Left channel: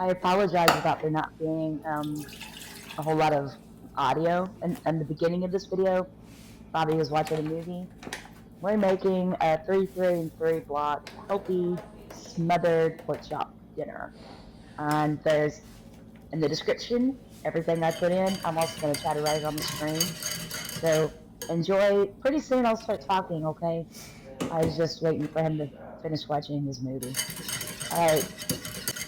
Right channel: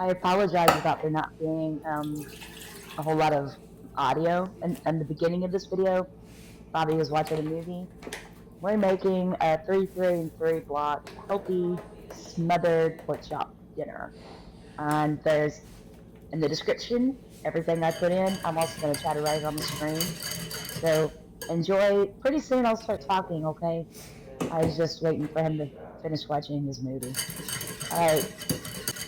I apologize about there not being a whole lot of audio in the beginning of this video. Bobby was watching a movie. We're making a 3 3 and 3 block healthy smothered pork chop dinner. And there's in the description everything I put in. I'm also going to try to write it on the screen. So enjoy. Pretty soon I'll start talking, okay? I was just waiting for him to finish watching his movie. All right,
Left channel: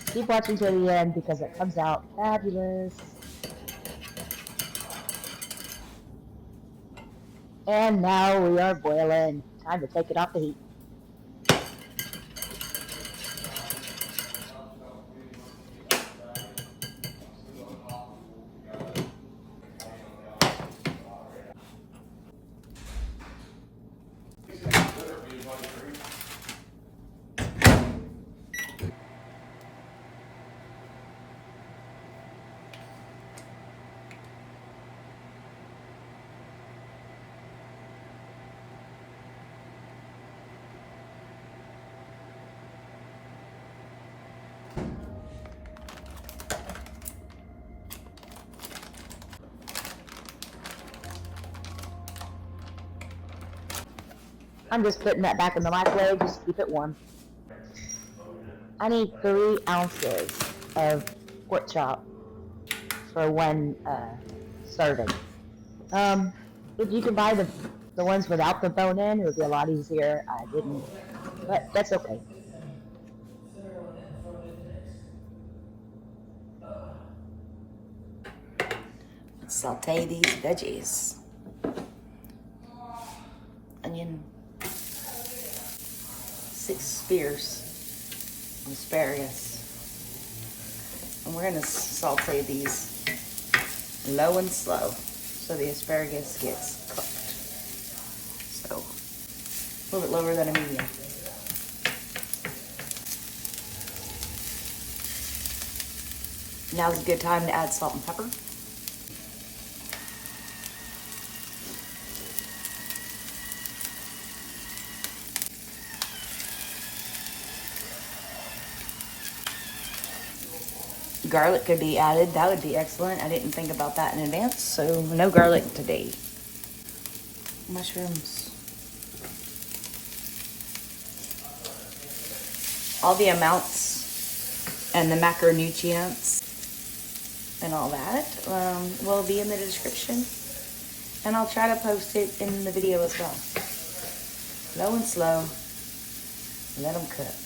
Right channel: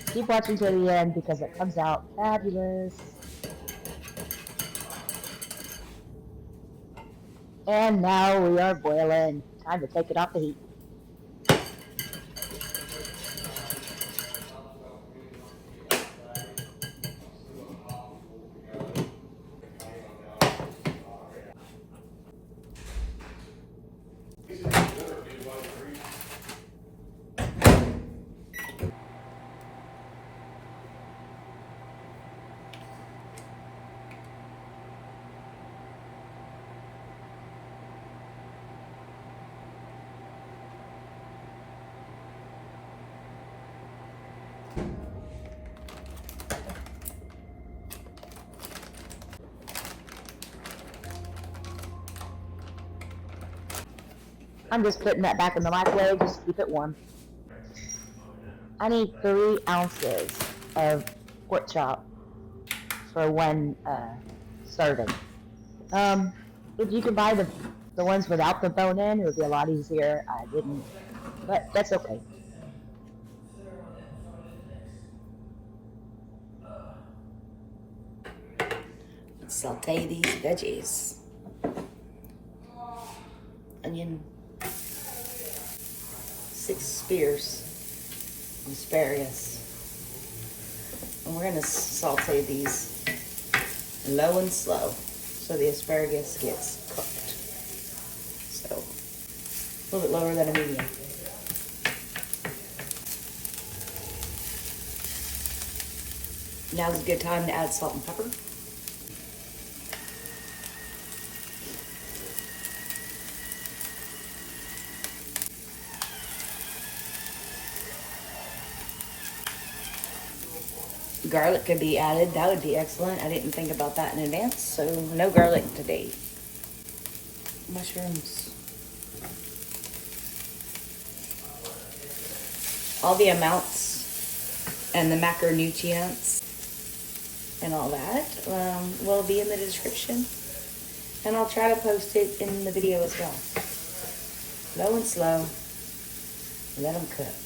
keep watching till the end because it comes out fabulous. And now we are boiling. Time to take it off the heat. I'm just putting that back in the microwave just to keep it warm. I need 3 ounces of pork chop for one serving. If you can buy the ones without the bone in, it would be a lot easier. I didn't, but that's okay. Let's saute these veggies. Onion, 6 spears of asparagus. And we're gonna saute these low and slow so the asparagus gets cooked. So a little bit lower than a medium. Now's a good time to add salt and pepper. Garlic could be added. That would be excellent. I didn't think about that in advance, so no garlic today. Mushrooms. All the amounts and the macronutrients and all that will be in the description. And I'll try to post it in the video as well. Low and slow. Let them cook.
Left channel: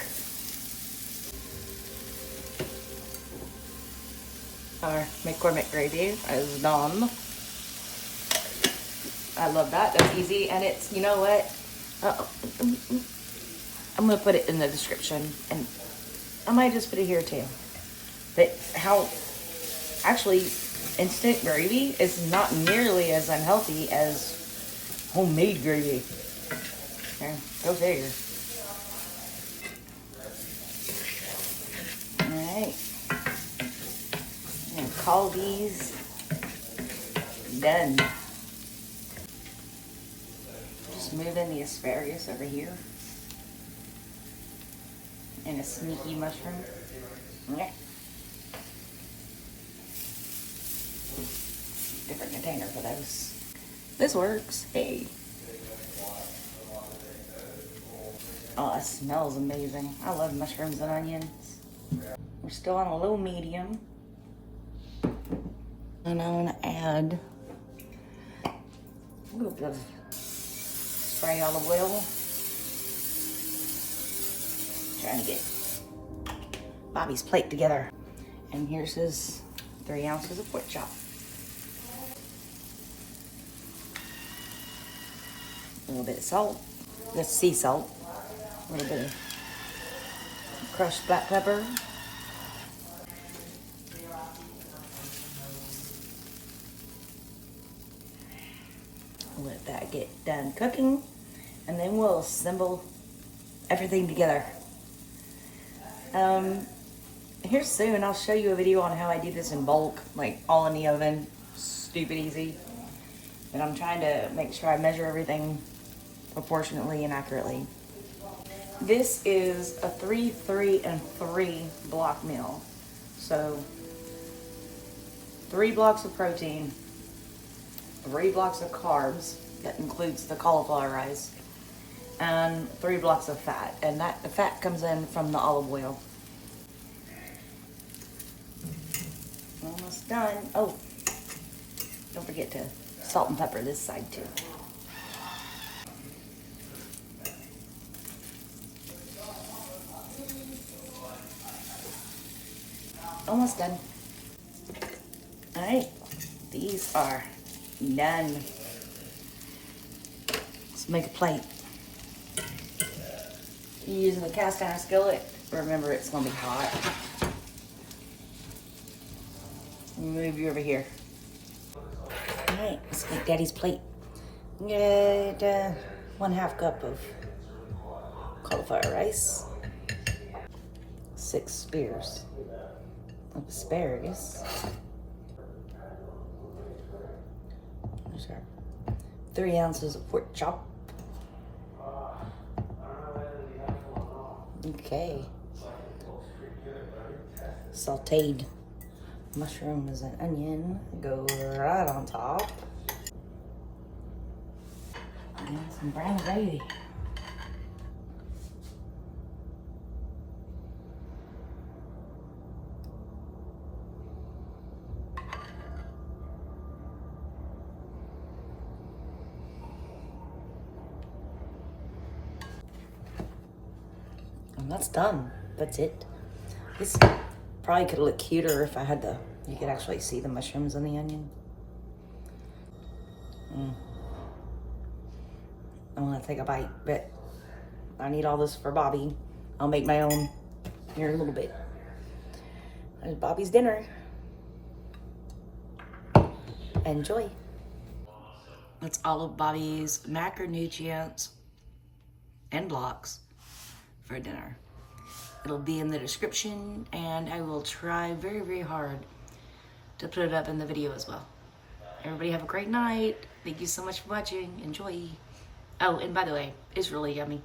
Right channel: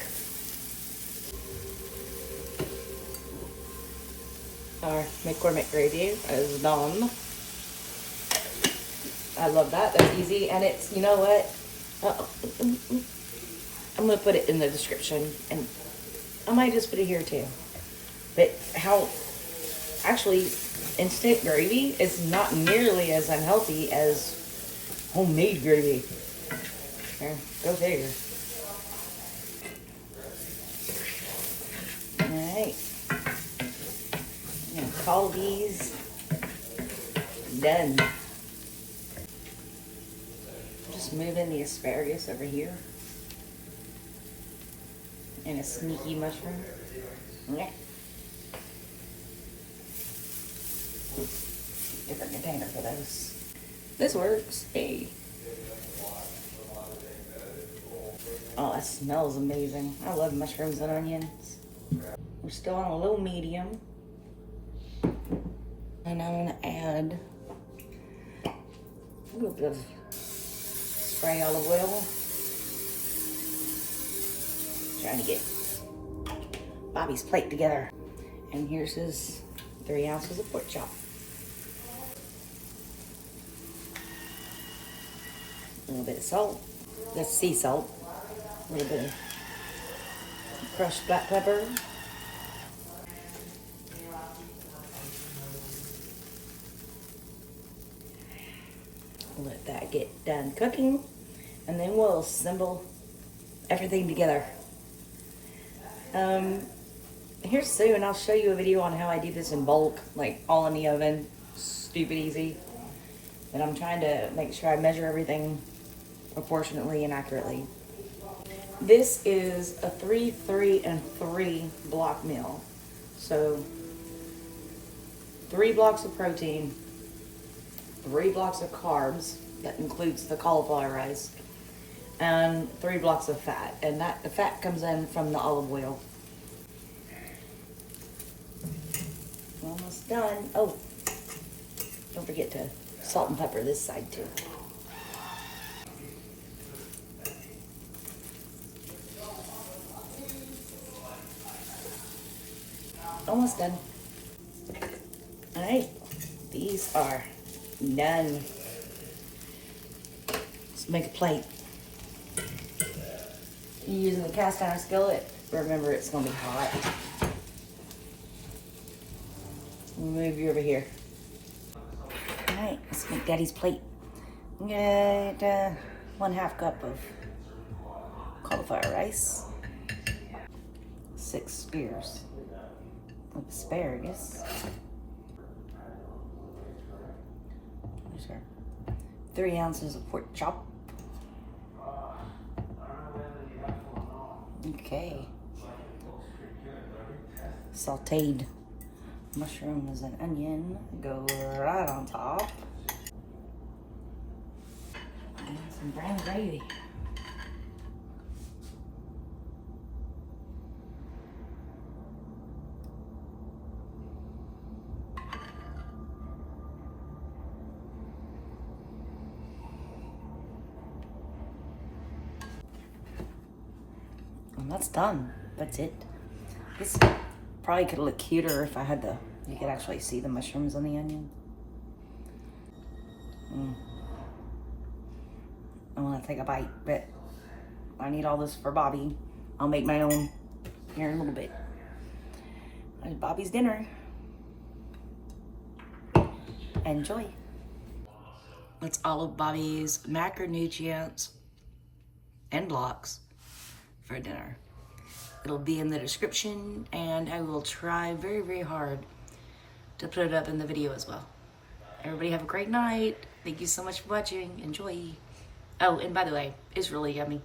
Our McCormick gravy is done. I love that. That's easy. And it's, you know what? I'm going to put it in the description. And I might just put it here too. But how, actually, instant gravy is not nearly as unhealthy as homemade gravy. Yeah, go figure. Alright. I'm going to call these done. Just moving the asparagus over here. And a sneaky mushroom. Yeah. Different container for those. This works. Hey. Oh, it smells amazing. I love mushrooms and onions. We're still on a low medium. And I'm gonna add a little bit of spray olive oil. Trying to get Bobby's plate together. And here's his 3 ounces of pork chop. A little bit of salt. Yes, sea salt. A little bit of crushed black pepper. Let that get done cooking, and then we'll assemble everything together. Here soon I'll show you a video on how I do this in bulk, like all in the oven, stupid easy. But I'm trying to make sure I measure everything proportionately and accurately. This is a 3 3 and 3 block meal. So 3 blocks of protein, 3 blocks of carbs, that includes the cauliflower rice, and 3 blocks of fat. And that the fat comes in from the olive oil. Almost done. Oh, don't forget to salt and pepper this side too. Almost done. All right, these are done. Let's make a plate. You're using the cast iron skillet. Remember, it's gonna be hot. Move you over here. All right, let's make Daddy's plate. Get 1/2 cup of cauliflower rice, 6 spears of asparagus, 3 ounces of pork chop. Okay. Sauteed mushrooms and onion go right on top. And some brown gravy. And that's done. That's it. This probably could look cuter if I had the, you could actually see the mushrooms and the onion. I want to take a bite, but I need all this for Bobby. I'll make my own here in a little bit. There's Bobby's dinner. Enjoy. That's all of Bobby's macronutrients and blocks for dinner. It'll be in the description, and I will try very, very hard to put it up in the video as well. Everybody have a great night. Thank you so much for watching. Enjoy. Oh, and by the way, it's really yummy.